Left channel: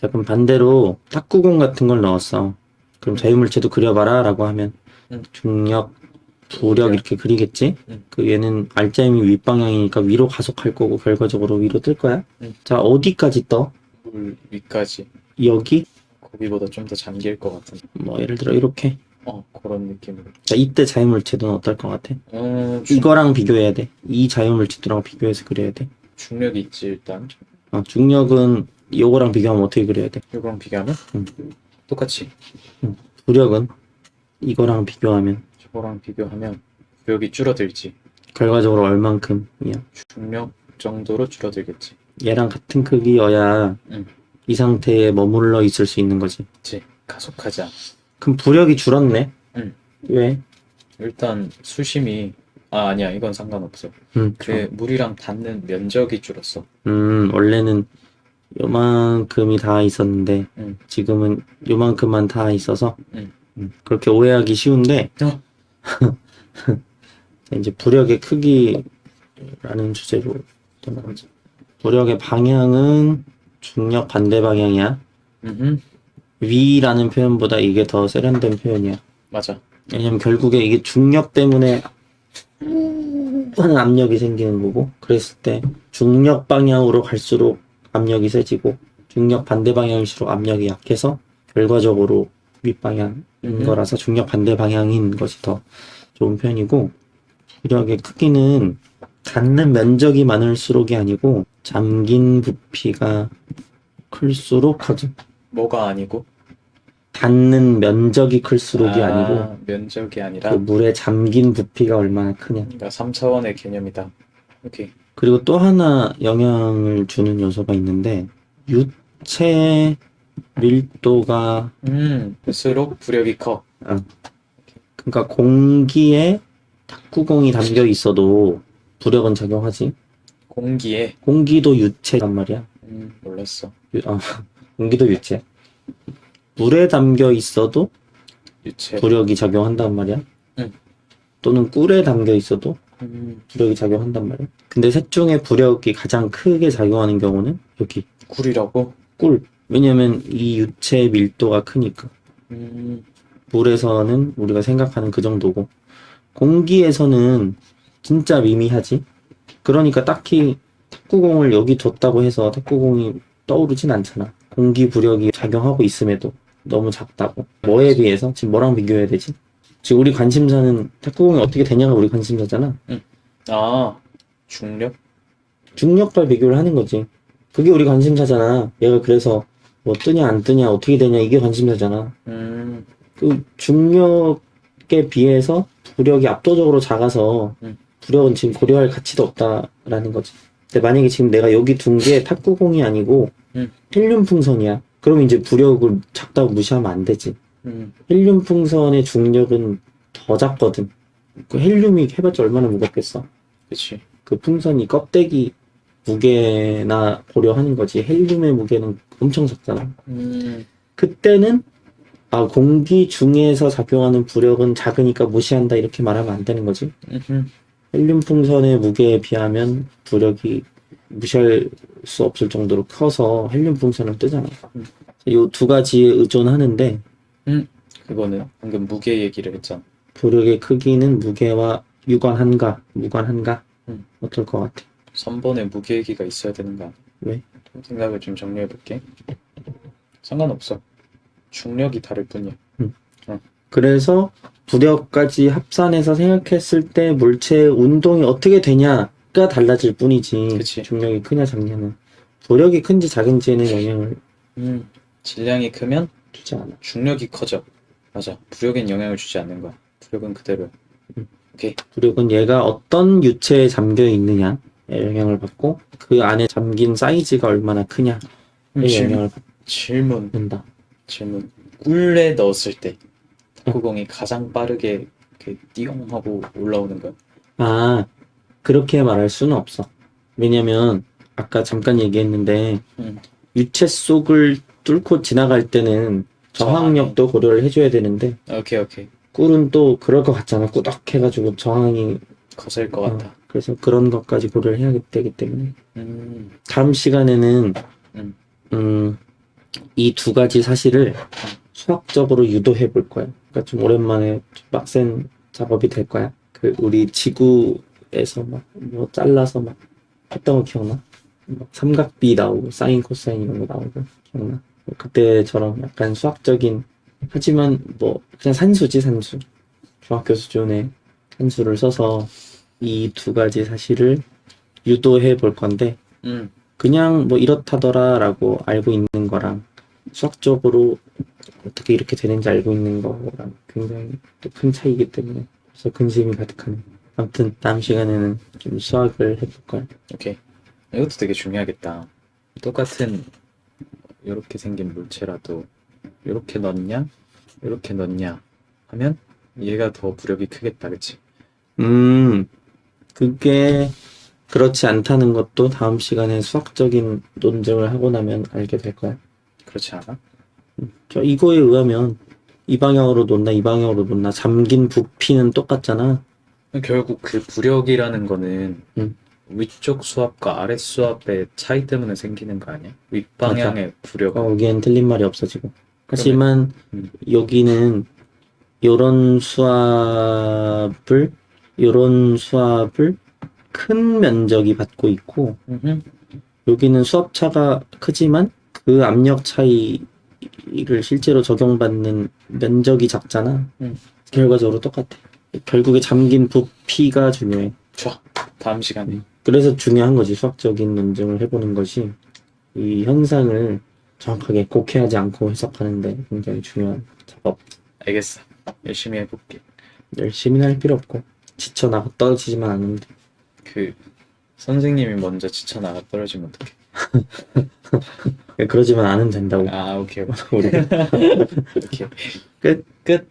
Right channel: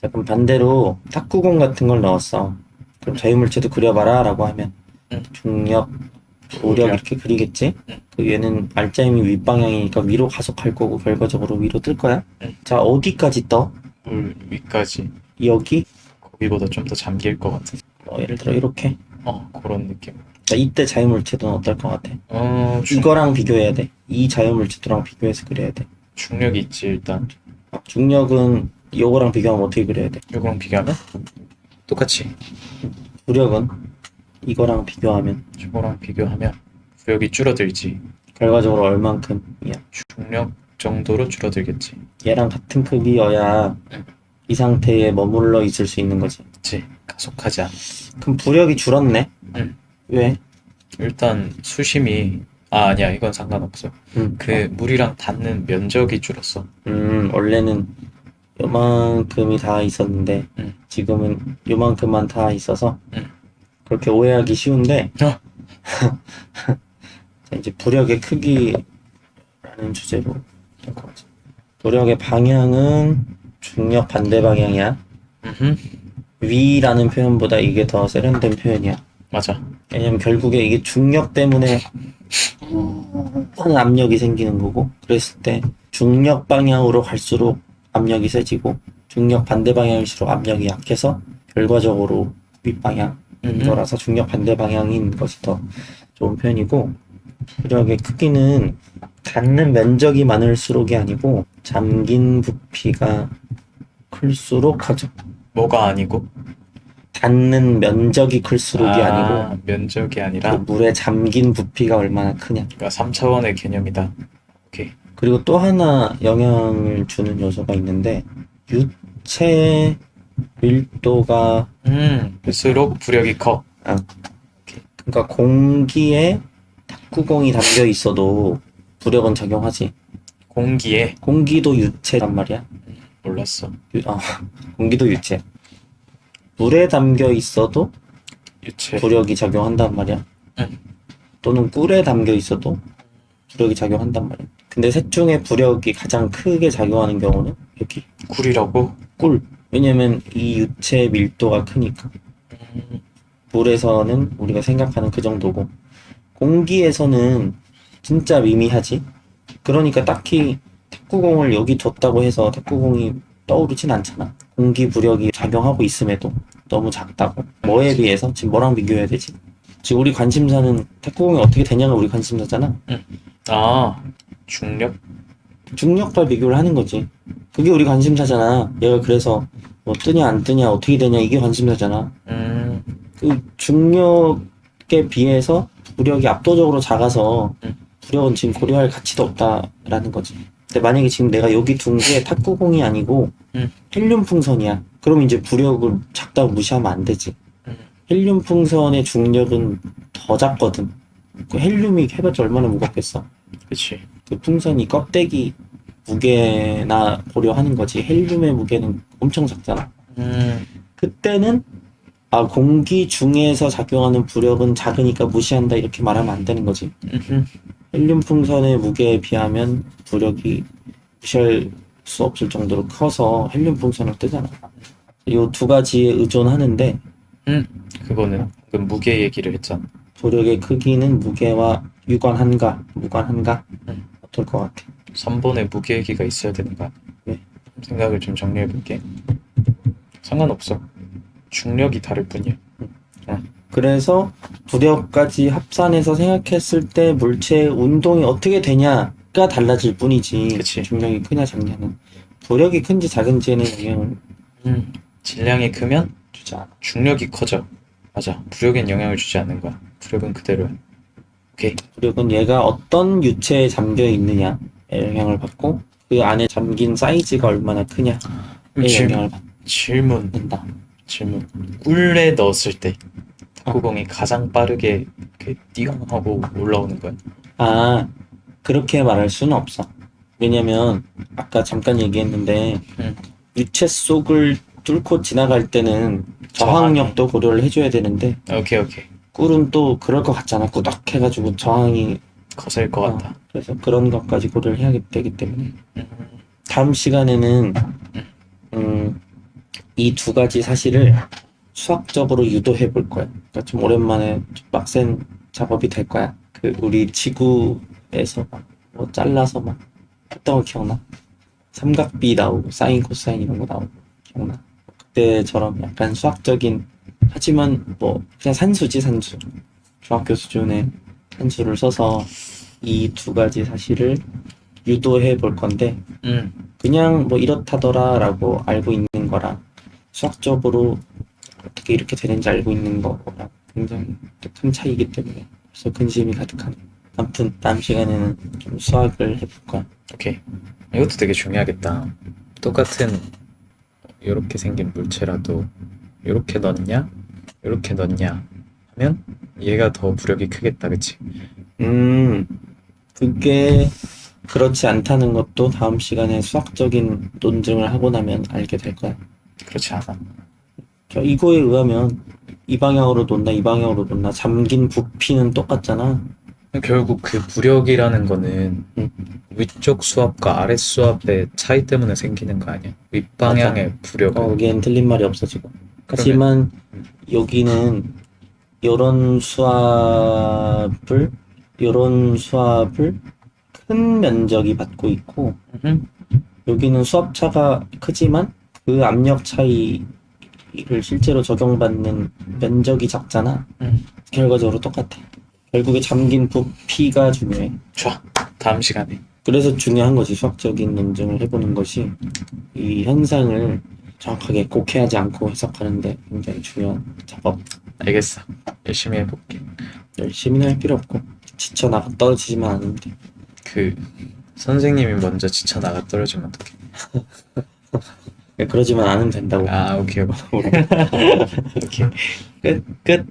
자, 그럼 반대로 탁구공 같은 걸 넣었어. 그럼 자유물체도 그려봐라 라고 하면 응. 중력, 부력. 이렇게 그리겠지? 응. 그 얘는 알짜임이 윗방향이니까 위로 가속할 거고 결과적으로 위로 뜰 거야. 응. 자, 어디까지 떠? 물 위까지 여기? 거기보다 좀 더 잠길 것 같은. 뭐 예를 들어 이렇게. 어 그런 느낌으로. 자, 이때 자유물체도는 어떨 것 같아? 어 중, 이거랑 비교해야 돼. 이 자유물체도랑 비교해서 그려야 돼. 중력이 있지 일단. 어, 중력은 이거랑 비교하면 어떻게 그려야 돼? 이거랑 비교하면 응. 똑같이. 부력은 이거랑 비교하면 저거랑 비교하면 구역이 줄어들지. 결과적으로 얼만큼이야? 중력 정도로 줄어들겠지. 얘랑 같은 크기여야 응. 이 상태에 머물러 있을 수 있는 거지. 그치 가속하지 않아. 그럼 부력이 줄었네? 응. 왜? 일단 수심이 아 아니야 이건 상관없어. 음, 그 물이랑 닿는 면적이 줄었어. 음, 원래는 요만큼이 다 있었는데 응. 지금은 요만큼만 다 있어서 응. 음, 그렇게 오해하기 쉬운데 어. 자, 이제 부력의 크기라는 주제로 된 거지. 부력의 방향은 중력 반대 방향이야. 음 위라는 표현보다 이게 더 세련된 표현이야. 맞아. 왜냐면 결국에 이게 중력 때문에 하는 압력이 생기는 거고 그랬을 때 중력 방향으로 갈수록 압력이 세지고 중력 반대 방향일수록 압력이 약해서 결과적으로 윗방향인 음. 거라서 중력 반대 방향인 것이 더 좋은 표현이고 부력의 크기는 닿는 면적이 많을수록이 아니고 잠긴 부피가 클수록 하죠. 뭐가 아니고 닿는 면적이 클수록이 아, 아니고 면적이 그 아니라 물에 잠긴 부피가 얼마나 크냐. 그러니까 3차원의 개념이다. 오케이. 그리고 또 하나 영향을 주는 요소가 있는데 유체 밀도가 음, 볼수록 부력이 커. 그러니까 공기에 탁구공이 담겨 있어도 부력은 작용하지. 공기에 공기도 유체란 말이야. 음, 몰랐어. 유- 아, 공기도 유체. 물에 담겨 있어도 유체. 부력이 작용한단 말이야. 응. 또는 꿀에 담겨 있어도 음, 부력이 작용한단 말이야. 근데 셋 중에 부력이 가장 크게 작용하는 경우는 여기 꿀이라고? 꿀. 왜냐면 이 유체 밀도가 크니까. 음, 물에서는 우리가 생각하는 그 정도고 공기에서는 진짜 미미하지. 그러니까 딱히 탁구공을 여기 뒀다고 해서 탁구공이 떠오르진 않잖아. 공기 부력이 작용하고 있음에도 너무 작다고. 뭐에 비해서 지금 뭐랑 비교해야 되지? 지금 우리 관심사는 탁구공이 어떻게 되냐가 우리 관심사잖아. 아, 중력? 중력과 비교를 하는 거지. 그게 우리 관심사잖아. 얘가 그래서 뭐 뜨냐 안 뜨냐 어떻게 되냐 이게 관심사잖아. 음, 그 중력에 비해서 부력이 압도적으로 작아서 응. 부력은 지금 고려할 가치도 없다라는 거지. 근데 만약에 지금 내가 여기 둔 게 탁구공이 아니고 응. 헬륨 풍선이야. 그럼 이제 부력을 작다고 무시하면 안 되지. 음, 헬륨 풍선의 중력은 더 작거든. 그 헬륨이 해봤자 얼마나 무겁겠어. 그치. 그 풍선이 껍데기 무게나 고려하는 거지. 헬륨의 무게는 엄청 작잖아. 음, 그때는 아 공기 중에서 작용하는 부력은 작으니까 무시한다 이렇게 말하면 안 되는 거지. 음흠. 헬륨 풍선의 무게에 비하면 부력이 무시할 수 없을 정도로 커서 헬륨 풍선을 뜨잖아. 이두 가지에 의존하는데 그거는 방금 무게 얘기를 했잖아. 부력의 크기는 무게와 유관한가, 무관한가 응. 어떨 것 같아? 3번에 무게 얘기가 있어야 되는 거야. 왜? 좀 생각을 좀 정리해 볼게. 상관없어. 중력이 다를 뿐이야. 그래서 부력까지 합산해서 생각했을 때 물체의 운동이 어떻게 되냐가 달라질 뿐이지 그치. 중력이 크냐 작냐는 부력이 큰지 작은지에는 영향을 음, 질량이 크면 주지 않아. 중력이 커져. 맞아. 부력엔 영향을 주지 않는 거야. 부력은 그대로야. 오케이. 부력은 얘가 어떤 유체에 잠겨 있느냐에 영향을 받고 그 안에 잠긴 사이즈가 얼마나 크냐에 질, 영향을 질문, 받는다. 질문. 꿀에 넣었을 때 탁구공이 가장 빠르게 이렇게 띠용 하고 올라오는 거야. 아 그렇게 말할 수는 없어. 왜냐면 아까 잠깐 얘기했는데 응. 유체 속을 뚫고 지나갈 때는 저항력도 고려를 해줘야 되는데 오케이, 오케이. 꿀은 또 그럴 것 같잖아. 꾸덕 해가지고 저항이 거슬 것 어, 같다. 그래서 그런 것까지 고려를 해야 되기 때문에 음, 다음 시간에는 음. 음이두 가지 사실을 수학적으로 유도해 볼 거야. 그러니까 좀 오랜만에 좀 빡센 작업이 될 거야. 그 우리 지구에서 막 뭐 잘라서 막 했던 거 기억나? 막 삼각비 나오고 사인 코사인 이런 거 나오고 기억나? 뭐 그때처럼 약간 수학적인 하지만 뭐 그냥 산수지 산수. 중학교 수준의 산수를 써서 이 두 가지 사실을 유도해 볼 건데 음, 그냥 뭐 이렇다더라라고 알고 있는 거랑 수학적으로 어떻게 이렇게 되는지 알고 있는 거랑 굉장히 또큰 차이기 때문에 그래서 근심이 가득하네. 아무튼 다음 시간에는 좀 수학을 해볼 거야. 오케이. 이것도 되게 중요하겠다. 똑같은 이렇게 생긴 물체라도 이렇게 넣냐, 이렇게 넣냐 하면 얘가 더 부력이 크겠다, 그치? 음, 그게 그렇지 않다는 것도 다음 시간에 수학적인 논증을 하고 나면 알게 될 거야. 그렇지 않아. 저 이거에 의하면 이 방향으로 놓나 이 방향으로 놓나 잠긴 부피는 똑같잖아. 결국 그 부력이라는 거는 음. 위쪽 수압과 아래 수압의 차이 때문에 생기는 거 아니야? 윗방향의 부력. 어, 여기엔 틀린 말이 없어 지금. 하지만 음. 여기는 요런 수압을 요런 수압을 큰 면적이 받고 있고 음흠. 여기는 수압 차가 크지만 그 압력 차이를 실제로 적용받는 면적이 작잖아. 음. 결과적으로 똑같아. 결국에 잠긴 부피가 중요해. 좋아. 다음 시간에. 그래서 중요한 거지. 수학적인 논증을 해보는 것이 이 현상을 정확하게 곡해하지 않고 해석하는데 굉장히 중요한 작업. 알겠어. 열심히 해볼게. 열심히 할 필요 없고 지쳐 나가 떨어지지만 않으면 돼. 그 선생님이 먼저 지쳐 나가 떨어지면 어떡해? 그러지만 않으면 된다고. 아, 오케이, 오케이. 오케이. 끝. 끝.